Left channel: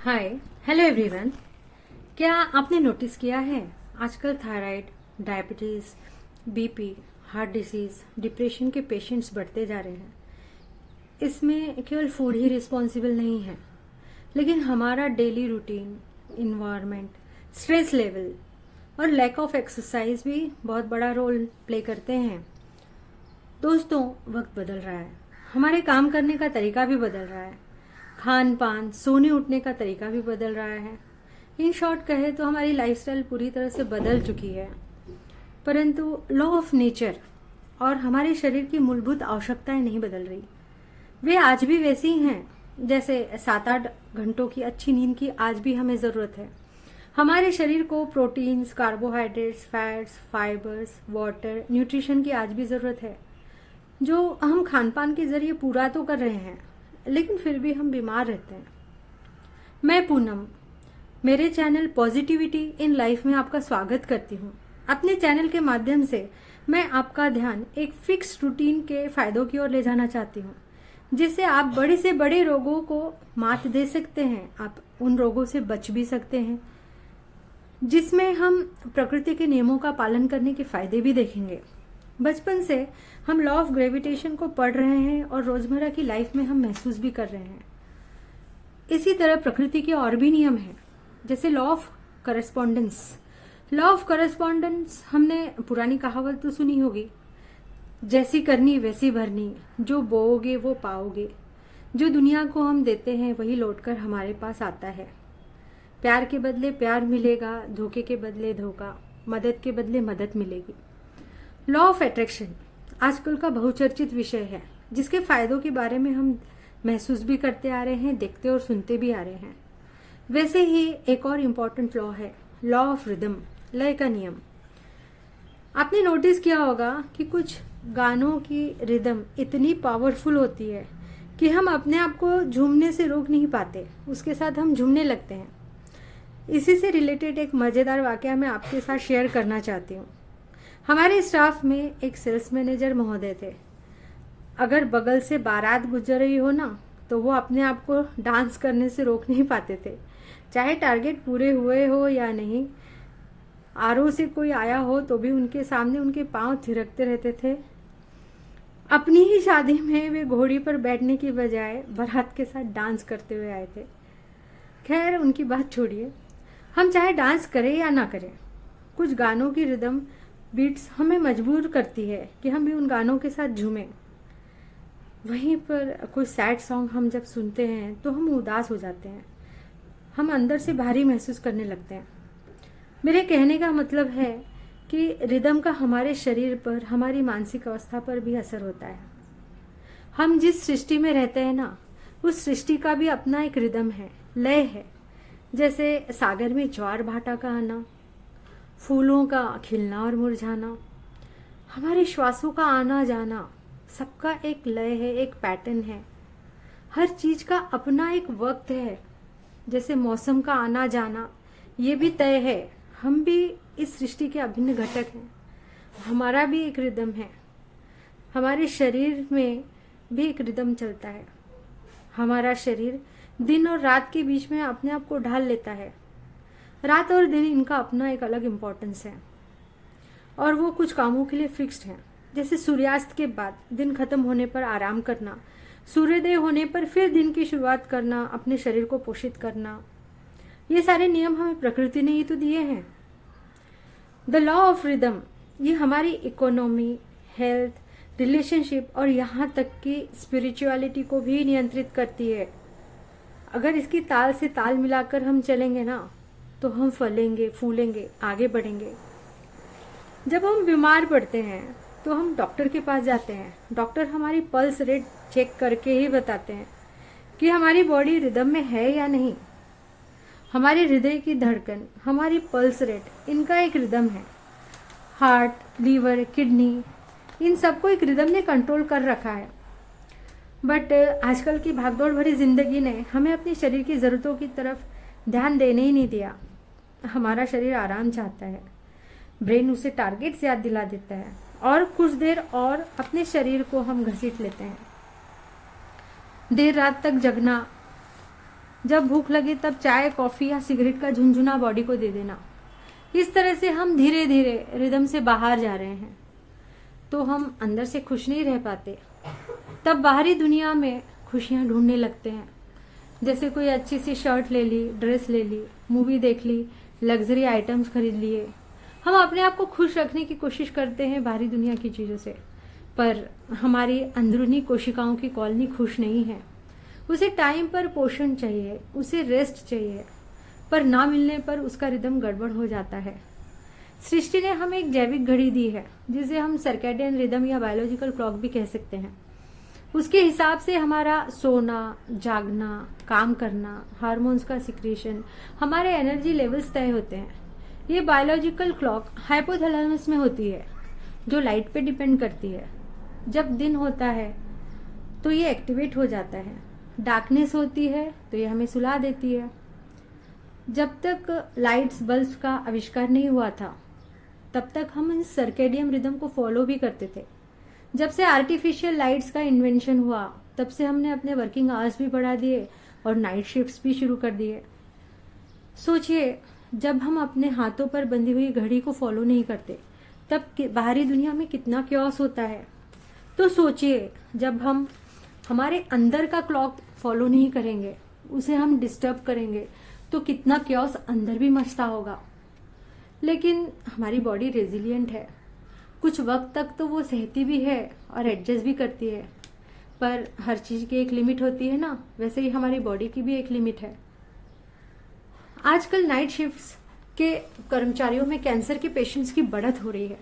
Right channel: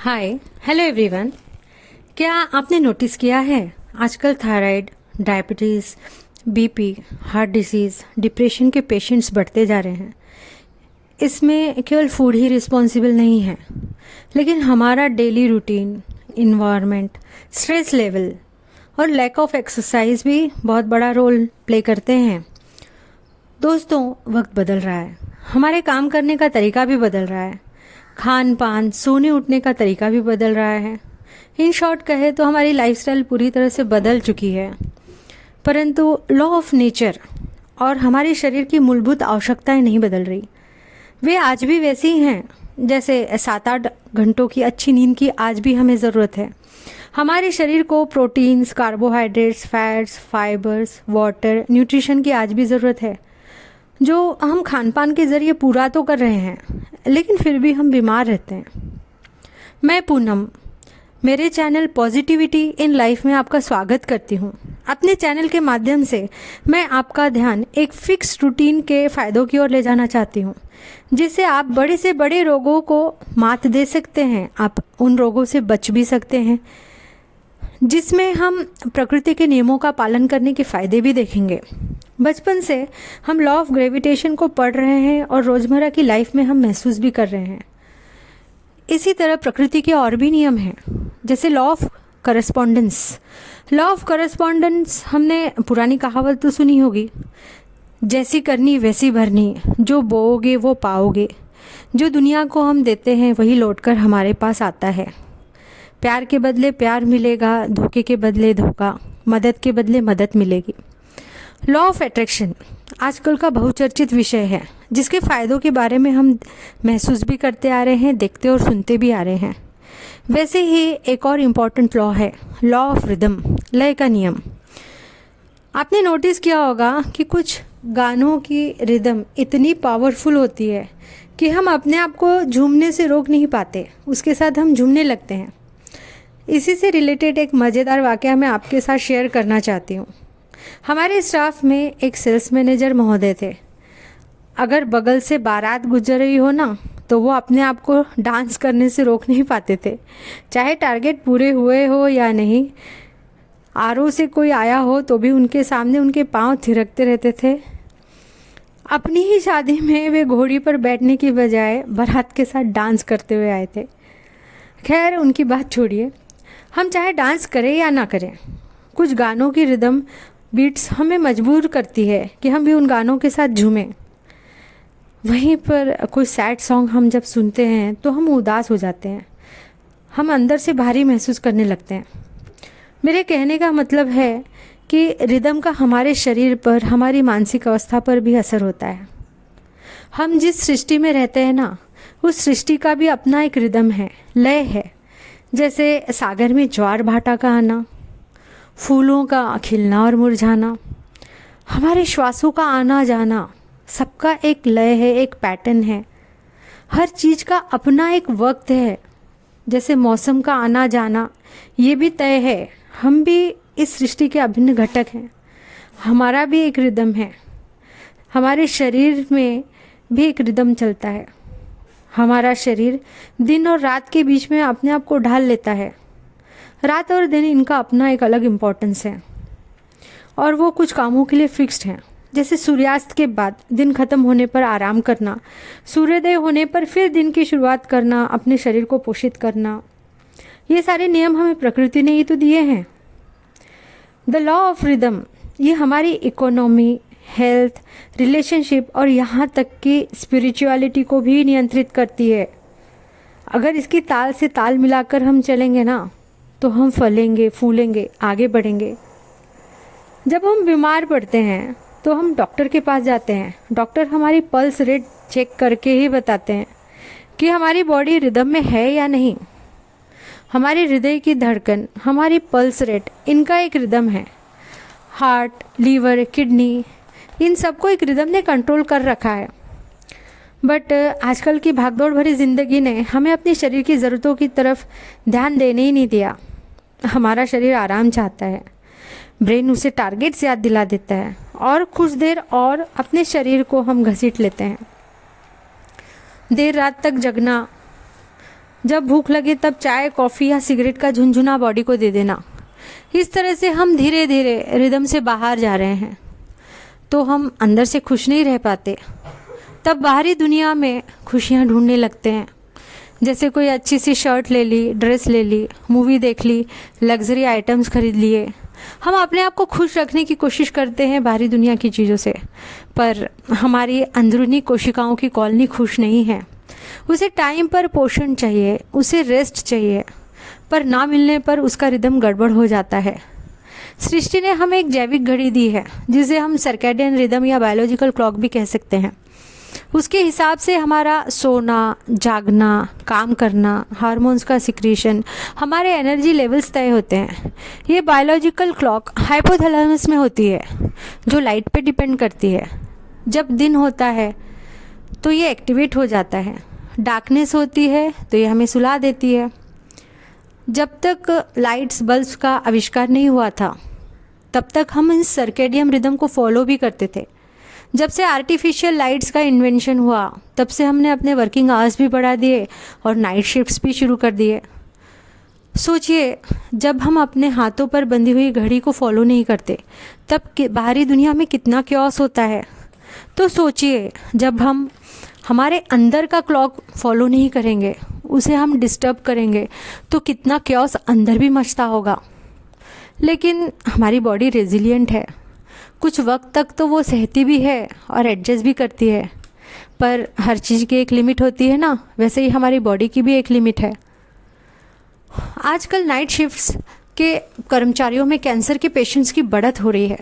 Hi hello everyone. क्या आपने notice किया है आजकल thyroid, diabetes, BP, heart disease, depression के पेशेंट्स बढ़ते जा रहे हैं। इसमें केवल फूड ही रिस्पॉन्सिबल नहीं है, लेकिन हमारा daily routine, environment, stress level और लैक ऑफ एक्सरसाइज भी बहुत बड़ा रोल प्ले करते हैं। दोस्तों, वक्त बदल रहा है, हमारे काम करने का तरीका भी बदल रहा है, खान पान, सोने उठने का तरीका भी बदल रहा है। इन शॉर्ट कहे तो हमारी लाइफस्टाइल पूरी तरह से बदल चुकी है, परंतु लॉ ऑफ नेचर और हमारे शरीर की मूलभूत आवश्यकताएं नहीं बदल रही। वे आज भी वैसी ही हैं, जैसे 7-8 घंटों की अच्छी नींद की आज भी हमें ज़रूरत है। हमारे शरीर को proteins, carbohydrates, fats, fibres, water, nutrition की आज भी ज़रूरत है, जो हम खान पान के ज़रिए पूरा तो कर रहे हैं, लेकिन फिर भी हम बीमार रहते हैं। मैं पूनम, मेरे चैनल पॉजिटिविटी इन लाइफ में आपका स्वागत करती हूँ। अपने चैनल के माध्यम से मैं आपका ध्यान एक फिक्स रूटीन के फ़ायदों की ओर ले जाना चाहती हूँ, जिससे आप बड़े से बड़े रोगों को मात दे सकते हैं। आप उन रोगों से बच भी सकते हैं, जिसमें हम प्रकृति के नियमों का पालन करने के फ़ायदे भी देखेंगे। बचपन से हम लॉ ऑफ ग्रेविटेशन को पढ़ रहे हैं और रोज़मर्रा की लाइफ में हम महसूस भी कर रहे हैं। इसी तरह प्रकृति के और भी नियम हैं, जैसे law of correspondence. Law of correspondence हमने पुरानी कहावत तो सुनी होगी, जैसी करनी वैसी भरनी, जो बोओगे वो पाओगे। जो दुनिया को हम देते हैं वही लौटकर हमारे पास आता है। प्यार के बदले प्यार मिलेगा, धोखे के बदले धोखा, मदद के बदले मदद मिलेगी। लॉ ऑफ अट्रैक्शन आजकल का बहुचर्चित विषय है, जिसके फ़ायदों के बारे में हम महसूस भी करते आ रहे हैं, देखते और सुनते भी आ रहे हैं। वैसे ही एक और इम्पॉर्टेंट लॉ है लॉ ऑफ रिदम, लय का नियम। आपने नोटिस किया होगा कि कुछ गानों की रिदम इतनी पावरफुल होती है कि हम अपने आप को झूमने से रोक नहीं पाते, उसके साथ हम झूमने लगते हैं। इसी से रिलेटेड एक मज़ेदार वाक़या मैं आपके साथ शेयर करना चाहती हूँ। हमारे स्टाफ में एक सेल्स मैनेजर महोदय थे। अगर बगल से बारात गुजर रही हो ना, तो वो अपने आप को डांस करने से रोक नहीं पाते थे, चाहे टारगेट पूरे हुए हो या नहीं। आरओ से कोई आया हो तो भी उनके सामने उनके पांव थिरकते रहते थे। अपनी ही शादी में वे घोड़ी पर बैठने की बजाय बारात के साथ डांस करते हुए आए थे। खैर, उनकी बात छोड़िए, हम चाहे डांस करें या ना करें, कुछ गानों की रिदम बीट्स हमें मजबूर करती है कि हम भी उन गानों के साथ झूमें। वहीं पर कोई सैड सॉन्ग हम जब सुनते हैं तो हम उदास हो जाते हैं, हम अंदर से भारी महसूस करने लगते हैं। मेरे कहने का मतलब है कि रिदम का हमारे शरीर पर, हमारी मानसिक अवस्था पर भी असर होता है। हम जिस सृष्टि में रहते हैं ना, उस सृष्टि का भी अपना एक रिदम है, लय है। जैसे सागर में ज्वार भाटा का आना, फूलों का खिलना और मुरझाना, हमारे श्वासों का आना जाना, सबका एक लय है, एक पैटर्न है। हर चीज़ का अपना एक वक्त है। जैसे मौसम का आना जाना, ये भी तय है। हम भी इस सृष्टि के अभिन्न घटक हैं, हमारा भी एक रिदम है। हमारे शरीर में भी एक रिदम चलता है। हमारा शरीर दिन और रात के बीच में अपने आप को ढाल लेता है। रात और दिन, इनका अपना एक अलग इम्पोर्टेंस है और वो कुछ कामों के लिए फिक्स्ड हैं। जैसे सूर्यास्त के बाद दिन खत्म होने पर आराम करना, सूर्योदय होने पर फिर दिन की शुरुआत करना, अपने शरीर को पोषित करना, ये सारे नियम हमें प्रकृति ने ही तो दिए हैं। द लॉ ऑफ रिदम ये हमारी इकोनॉमी, हेल्थ, रिलेशनशिप और यहाँ तक कि स्पिरिचुअलिटी को भी नियंत्रित करती है। अगर इसकी ताल से ताल मिलाकर हम चलेंगे ना, तो हम फलेंगे, फूलेंगे, आगे बढ़ेंगे। जब हम बीमार पड़ते हैं तो हम डॉक्टर के पास जाते हैं। डॉक्टर हमारी पल्स रेट चेक करके ही बताते हैं कि हमारी बॉडी रिदम में है या नहीं। हमारे हृदय की धड़कन, हमारी पल्स रेट, इनका एक रिदम है। हार्ट, लीवर, किडनी, इन सबको एक रिदम ने कंट्रोल कर रखा है। बट आजकल की भागदौड़ भरी ज़िंदगी ने हमें अपने शरीर की ज़रूरतों की तरफ ध्यान देने ही नहीं दिया। हमारा शरीर आराम चाहता है, ब्रेन उसे टारगेट्स याद दिला देता है और कुछ देर और अपने शरीर को हम घसीट लेते हैं। देर रात तक जगना, जब भूख लगे तब चाय, कॉफ़ी या सिगरेट का झुनझुना बॉडी को दे देना। इस तरह से हम धीरे धीरे रिदम से बाहर जा रहे हैं। तो हम अंदर से खुश नहीं रह पाते, तब बाहरी दुनिया में खुशियाँ ढूंढने लगते हैं। जैसे कोई अच्छी सी शर्ट ले ली, ड्रेस ले ली, मूवी देख ली, लग्जरी आइटम्स खरीद लिए। हम अपने आप को खुश रखने की कोशिश करते हैं बाहरी दुनिया की चीज़ों से, पर हमारी अंदरूनी कोशिकाओं की कॉलोनी खुश नहीं है। उसे टाइम पर पोषण चाहिए, उसे रेस्ट चाहिए, पर ना मिलने पर उसका रिदम गड़बड़ हो जाता है। सृष्टि ने हमें एक जैविक घड़ी दी है, जिसे हम सर्कैडियन रिदम या बायोलॉजिकल क्लॉक भी कह सकते हैं। उसके हिसाब से हमारा सोना, जागना, काम करना, हार्मोन्स का सिक्रीशन, हमारे एनर्जी लेवल्स तय होते हैं। ये बायोलॉजिकल क्लॉक हाइपोथैलेमस में होती है, जो लाइट पे डिपेंड करती है। जब दिन होता है तो ये एक्टिवेट हो जाता है, डार्कनेस होती है तो ये हमें सुला देती है। जब तक लाइट्स बल्ब्स का आविष्कार नहीं हुआ था, तब तक हम इस सर्केडियम रिदम को फॉलो भी करते थे। जब से आर्टिफिशियल लाइट्स का इन्वेंशन हुआ, तब से हमने अपने वर्किंग आवर्स भी बढ़ा दिए और नाइट शिफ्ट्स भी शुरू कर दिए। सोचिए, जब हम अपने हाथों पर बंधी हुई घड़ी को फॉलो नहीं करते, तब बाहरी दुनिया में कितना क्योस होता है। तो सोचिए, जब हम हमारे अंदर का क्लॉक फॉलो नहीं करेंगे, उसे हम डिस्टर्ब करेंगे, तो कितना क्योस अंदर भी मचता होगा। लेकिन हमारी बॉडी रेजिलिएंट है, कुछ वक्त तक तो वो सहती भी है और एडजस्ट भी करती है, पर हर चीज़ की एक लिमिट होती है ना, वैसे ही हमारी बॉडी की भी एक लिमिट है। आजकल नाइट शिफ्ट्स के कर्मचारियों में कैंसर के पेशेंट्स की बढ़त हो रही है।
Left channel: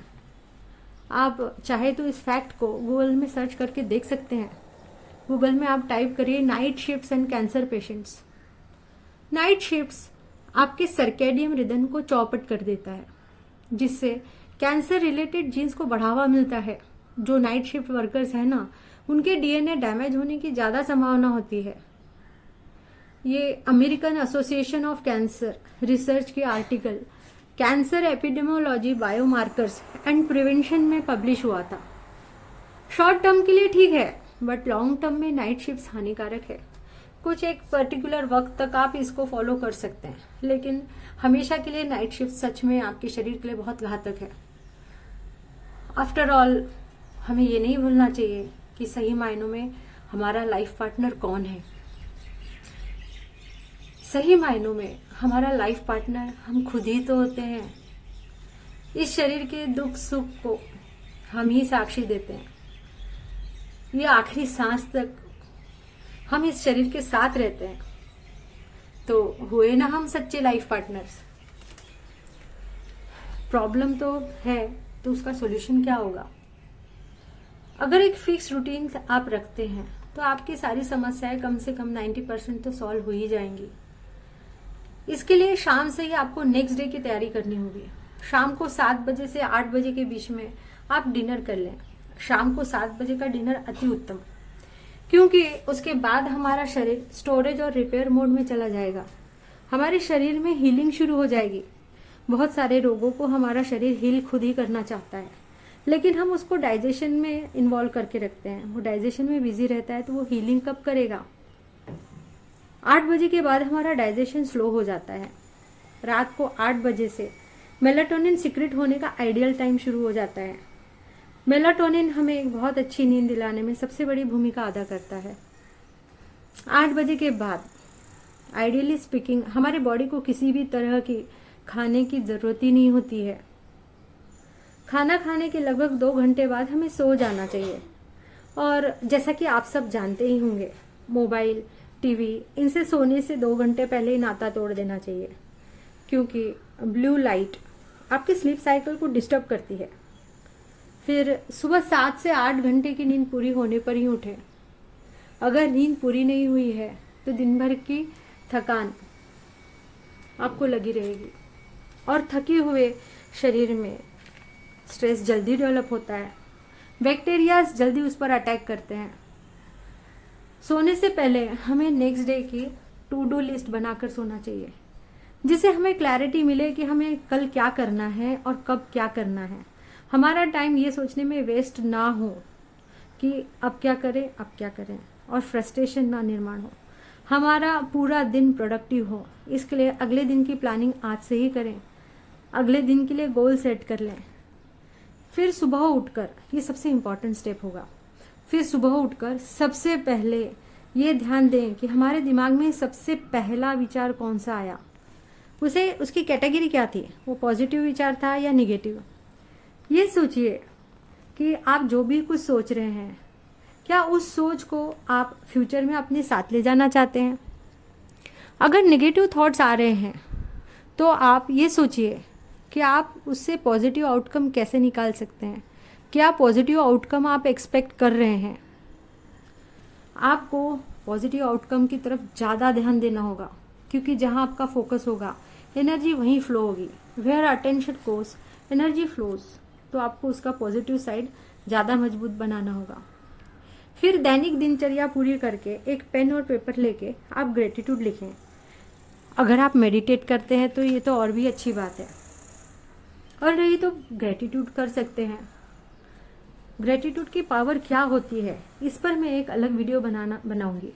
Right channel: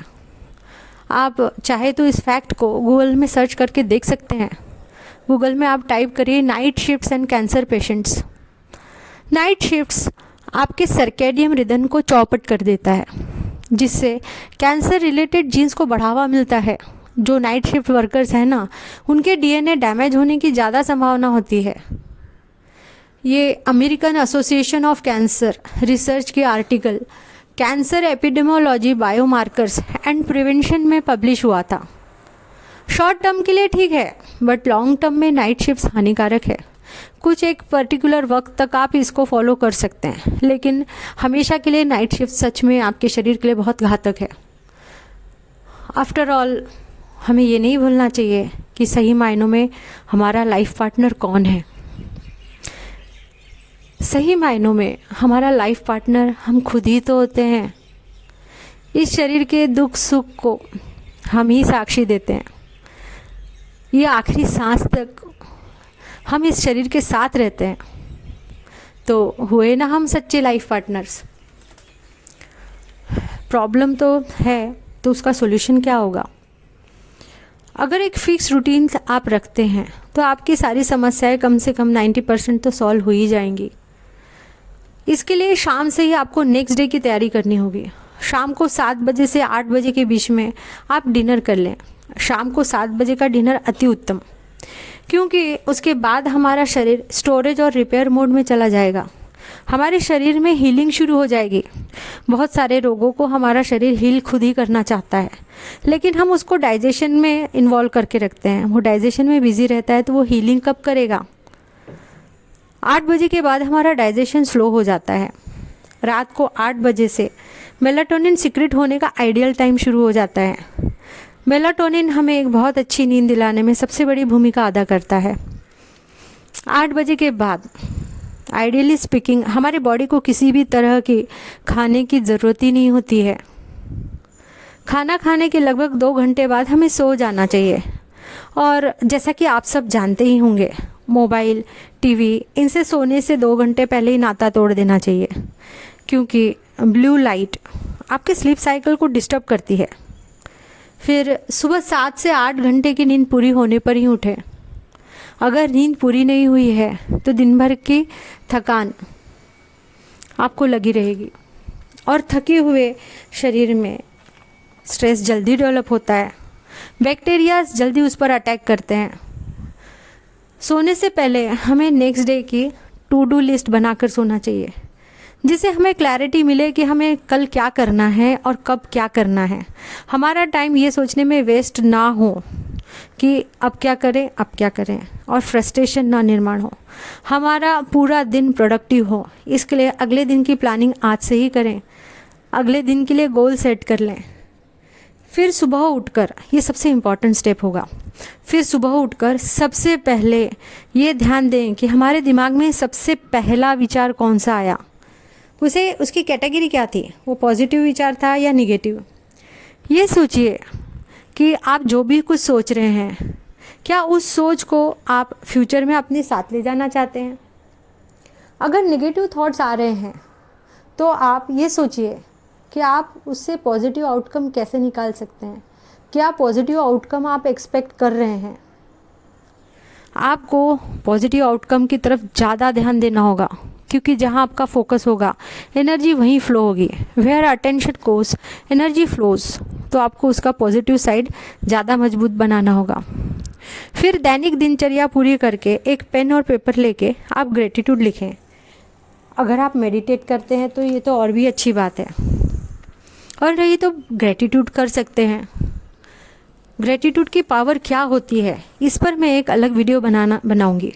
आप चाहे तो इस फैक्ट को गूगल में सर्च करके देख सकते हैं। गूगल में आप टाइप करिए night shifts and cancer patients. Night shifts आपके सर्कैडियम रिदम को चौपट कर देता है, जिससे कैंसर रिलेटेड जीन्स को बढ़ावा मिलता है। जो नाइट शिफ्ट वर्कर्स हैं ना, उनके डीएनए डैमेज होने की ज़्यादा संभावना होती है। ये American association of cancer research के article cancer epidemiology, biomarkers and prevention में पब्लिश हुआ था। शॉर्ट टर्म के लिए ठीक है, बट लॉन्ग टर्म में नाइट शिफ्ट्स हानिकारक है। कुछ एक पर्टिकुलर वक्त तक आप इसको फॉलो कर सकते हैं, लेकिन हमेशा के लिए नाइट शिफ्ट सच में आपके शरीर के लिए बहुत घातक है। आफ्टर ऑल, हमें ये नहीं भूलना चाहिए कि सही मायनों में हमारा लाइफ पार्टनर कौन है। सही मायनों में हमारा लाइफ पार्टनर हम खुद ही तो होते हैं। इस शरीर के दुख सुख को हम ही साक्षी देते हैं। ये आखिरी सांस तक हम इस शरीर के साथ रहते हैं, तो हुए ना हम सच्चे लाइफ पार्टनर्स। प्रॉब्लम तो है, तो उसका सॉल्यूशन क्या होगा? अगर एक फिक्स रूटीन आप रखते हैं, तो आपकी सारी समस्याएं कम से कम 90% तो सॉल्व हो ही जाएंगी। इसके लिए शाम से ही आपको नेक्स्ट डे की तैयारी करनी होगी। शाम को 7 बजे से 8 बजे के बीच में आप डिनर कर लें। शाम को 7 बजे का डिनर अति उत्तम, क्योंकि उसके बाद हमारा शरीर स्टोरेज और रिपेयर मोड में चला जाएगा। हमारे शरीर में हीलिंग शुरू हो जाएगी। बहुत सारे रोगों को हमारा शरीर हील खुद ही करना चाहता है, लेकिन हम उसको डाइजेशन में इन्वॉल्व करके रखते हैं। वो डाइजेशन में बिजी रहता है, तो वो हीलिंग कब करेगा? 8 बजे के बाद हमारा डाइजेशन स्लो हो जाता है। रात को 8 बजे से मेलाटोनिन सिक्रेट होने का आइडियल टाइम शुरू हो जाता है। मेलाटोनिन हमें एक बहुत अच्छी नींद दिलाने में सबसे बड़ी भूमिका अदा करता है। 8 बजे के बाद आइडियली स्पीकिंग हमारे बॉडी को किसी भी तरह की खाने की ज़रूरत ही नहीं होती है। खाना खाने के लगभग 2 घंटे बाद हमें सो जाना चाहिए। और जैसा कि आप सब जानते ही होंगे, मोबाइल, टीवी, इनसे सोने से 2 घंटे पहले ही नाता तोड़ देना चाहिए, क्योंकि ब्लू लाइट आपके स्लीप साइकिल को डिस्टर्ब करती है। फिर सुबह 7 से 8 घंटे की नींद पूरी होने पर ही उठें। अगर नींद पूरी नहीं हुई है तो दिन भर की थकान आपको लगी रहेगी, और थके हुए शरीर में स्ट्रेस जल्दी डेवलप होता है। बैक्टीरियाज जल्दी उस पर अटैक करते हैं। सोने से पहले हमें नेक्स्ट डे की टू डू लिस्ट बनाकर सोना चाहिए, जिससे हमें क्लैरिटी मिले कि हमें कल क्या करना है और कब क्या करना है। हमारा टाइम ये सोचने में वेस्ट ना हो कि अब क्या करें, और फ्रस्ट्रेशन ना निर्माण हो। हमारा पूरा दिन प्रोडक्टिव हो। इसके लिए अगले दिन की प्लानिंग आज से ही करें, अगले दिन के लिए गोल सेट कर लें। फिर सुबह उठकर, ये सबसे इम्पॉर्टेंट स्टेप होगा, फिर सुबह उठकर सबसे पहले ये ध्यान दें कि हमारे दिमाग में सबसे पहला विचार कौन सा आया, उसकी कैटेगरी क्या थी, वो पॉजिटिव विचार था या निगेटिव। ये सोचिए कि आप जो भी कुछ सोच रहे हैं, क्या उस सोच को आप फ्यूचर में अपने साथ ले जाना चाहते हैं। अगर नेगेटिव थॉट्स आ रहे हैं तो आप ये सोचिए कि आप उससे पॉजिटिव आउटकम कैसे निकाल सकते हैं। क्या पॉजिटिव आउटकम आप एक्सपेक्ट कर रहे हैं। आपको पॉजिटिव आउटकम की तरफ ज़्यादा ध्यान देना होगा, क्योंकि जहाँ आपका फोकस होगा एनर्जी वहीं फ्लो होगी। Where attention goes energy flows. तो आपको उसका पॉजिटिव साइड ज़्यादा मजबूत बनाना होगा। फिर दैनिक दिनचर्या पूरी करके एक पेन और पेपर लेके आप ग्रेटिट्यूड लिखें। अगर आप मेडिटेट करते हैं तो ये तो और भी अच्छी बात है, और ये तो ग्रेटिट्यूड कर सकते हैं। ग्रेटिट्यूड की पावर क्या होती है, इस पर मैं एक अलग वीडियो बनाऊंगी,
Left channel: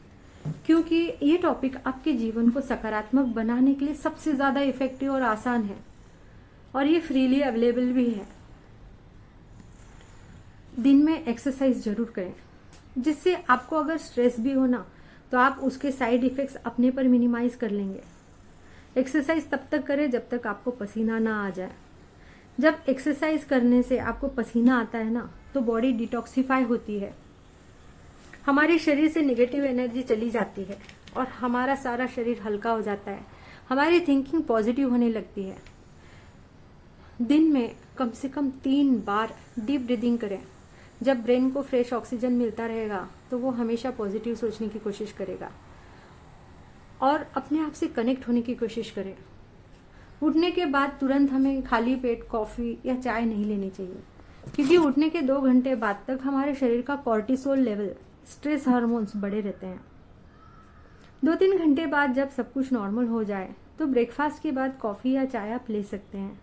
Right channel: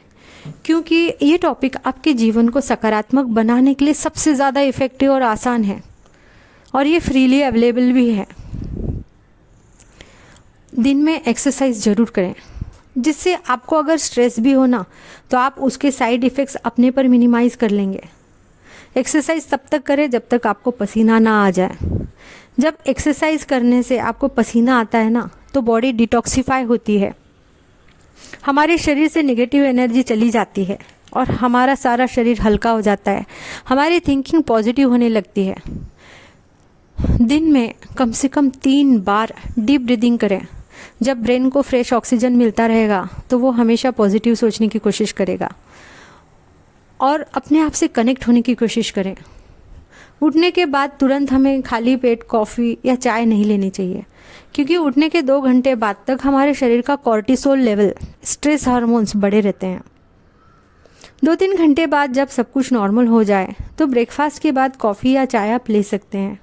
क्योंकि ये टॉपिक आपके जीवन को सकारात्मक बनाने के लिए सबसे ज़्यादा इफ़ेक्टिव और आसान है, और ये फ्रीली अवेलेबल भी है। दिन में एक्सरसाइज ज़रूर करें, जिससे आपको अगर स्ट्रेस भी हो ना तो आप उसके साइड इफ़ेक्ट्स अपने पर मिनिमाइज़ कर लेंगे। एक्सरसाइज तब तक करें जब तक आपको पसीना ना आ जाए। जब एक्सरसाइज करने से आपको पसीना आता है ना तो बॉडी डिटॉक्सिफाई होती है, हमारे शरीर से नेगेटिव एनर्जी चली जाती है और हमारा सारा शरीर हल्का हो जाता है, हमारी थिंकिंग पॉजिटिव होने लगती है। दिन में कम से कम 3 बार डीप ब्रीदिंग करें। जब ब्रेन को फ्रेश ऑक्सीजन मिलता रहेगा तो वो हमेशा पॉजिटिव सोचने की कोशिश करेगा और अपने आप से कनेक्ट होने की कोशिश करें। उठने के बाद तुरंत हमें खाली पेट कॉफ़ी या चाय नहीं लेनी चाहिए, क्योंकि उठने के 2 घंटे बाद तक हमारे शरीर का कॉर्टिसोल लेवल, स्ट्रेस हार्मोन्स बढ़े रहते हैं। 2-3 घंटे बाद जब सब कुछ नॉर्मल हो जाए तो ब्रेकफास्ट के बाद कॉफ़ी या चाय आप ले सकते हैं।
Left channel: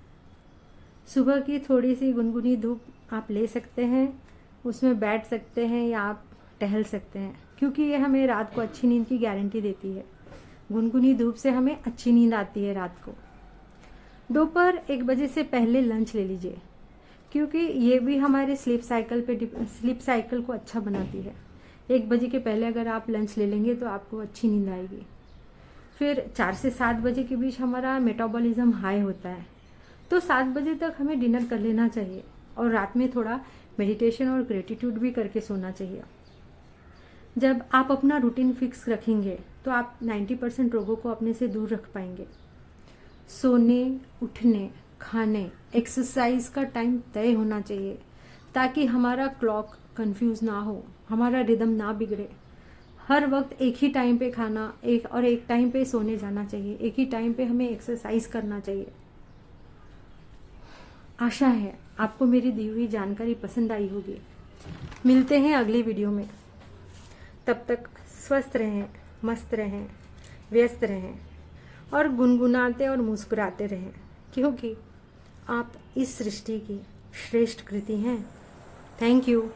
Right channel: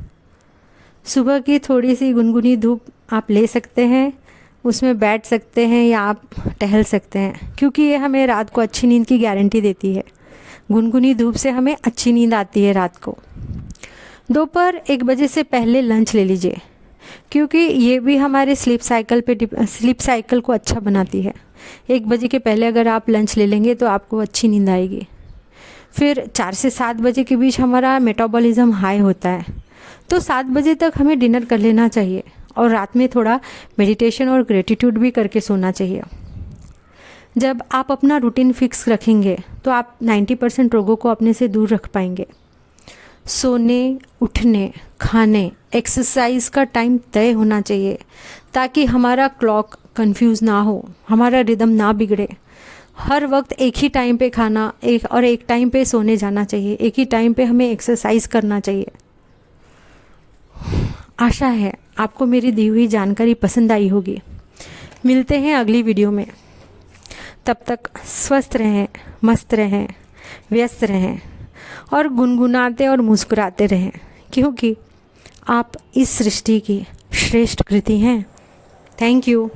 सुबह की थोड़ी सी गुनगुनी धूप आप ले सकते हैं, उसमें बैठ सकते हैं या आप टहल सकते हैं, क्योंकि ये हमें रात को अच्छी नींद की गारंटी देती है। गुनगुनी धूप से हमें अच्छी नींद आती है रात को। दोपहर 1 बजे से पहले लंच ले लीजिए, क्योंकि ये भी हमारे स्लीप साइकिल को अच्छा बनाती है। 1 बजे के पहले अगर आप लंच ले लेंगे तो आपको अच्छी नींद आएगी। फिर 4 से 7 बजे के बीच हमारा मेटाबॉलिज्म हाई होता है, तो 7 बजे तक हमें डिनर कर लेना चाहिए और रात में थोड़ा मेडिटेशन और ग्रेटिट्यूड भी करके सोना चाहिए। जब आप अपना रूटीन फिक्स रखेंगे तो आप 90% रोगों को अपने से दूर रख पाएंगे। सोने, उठने, खाने, एक्सरसाइज का टाइम तय होना चाहिए, ताकि हमारा क्लॉक कंफ्यूज ना हो, हमारा रिदम ना बिगड़े। हर वक्त एक ही टाइम पे खाना, एक टाइम पे सोने जाना चाहिए, एक ही टाइम पे हमें एक्सरसाइज करना चाहिए। आशा है आपको मेरी दी हुई जानकारी पसंद आई होगी। मिलते हैं अगली वीडियो में। तब तक स्वस्थ रहें, मस्त रहें, व्यस्त रहें और गुनगुनाते और मुस्कुराते रहें, क्योंकि आप इस सृष्टि की श्रेष्ठ कृति हैं। Thank you.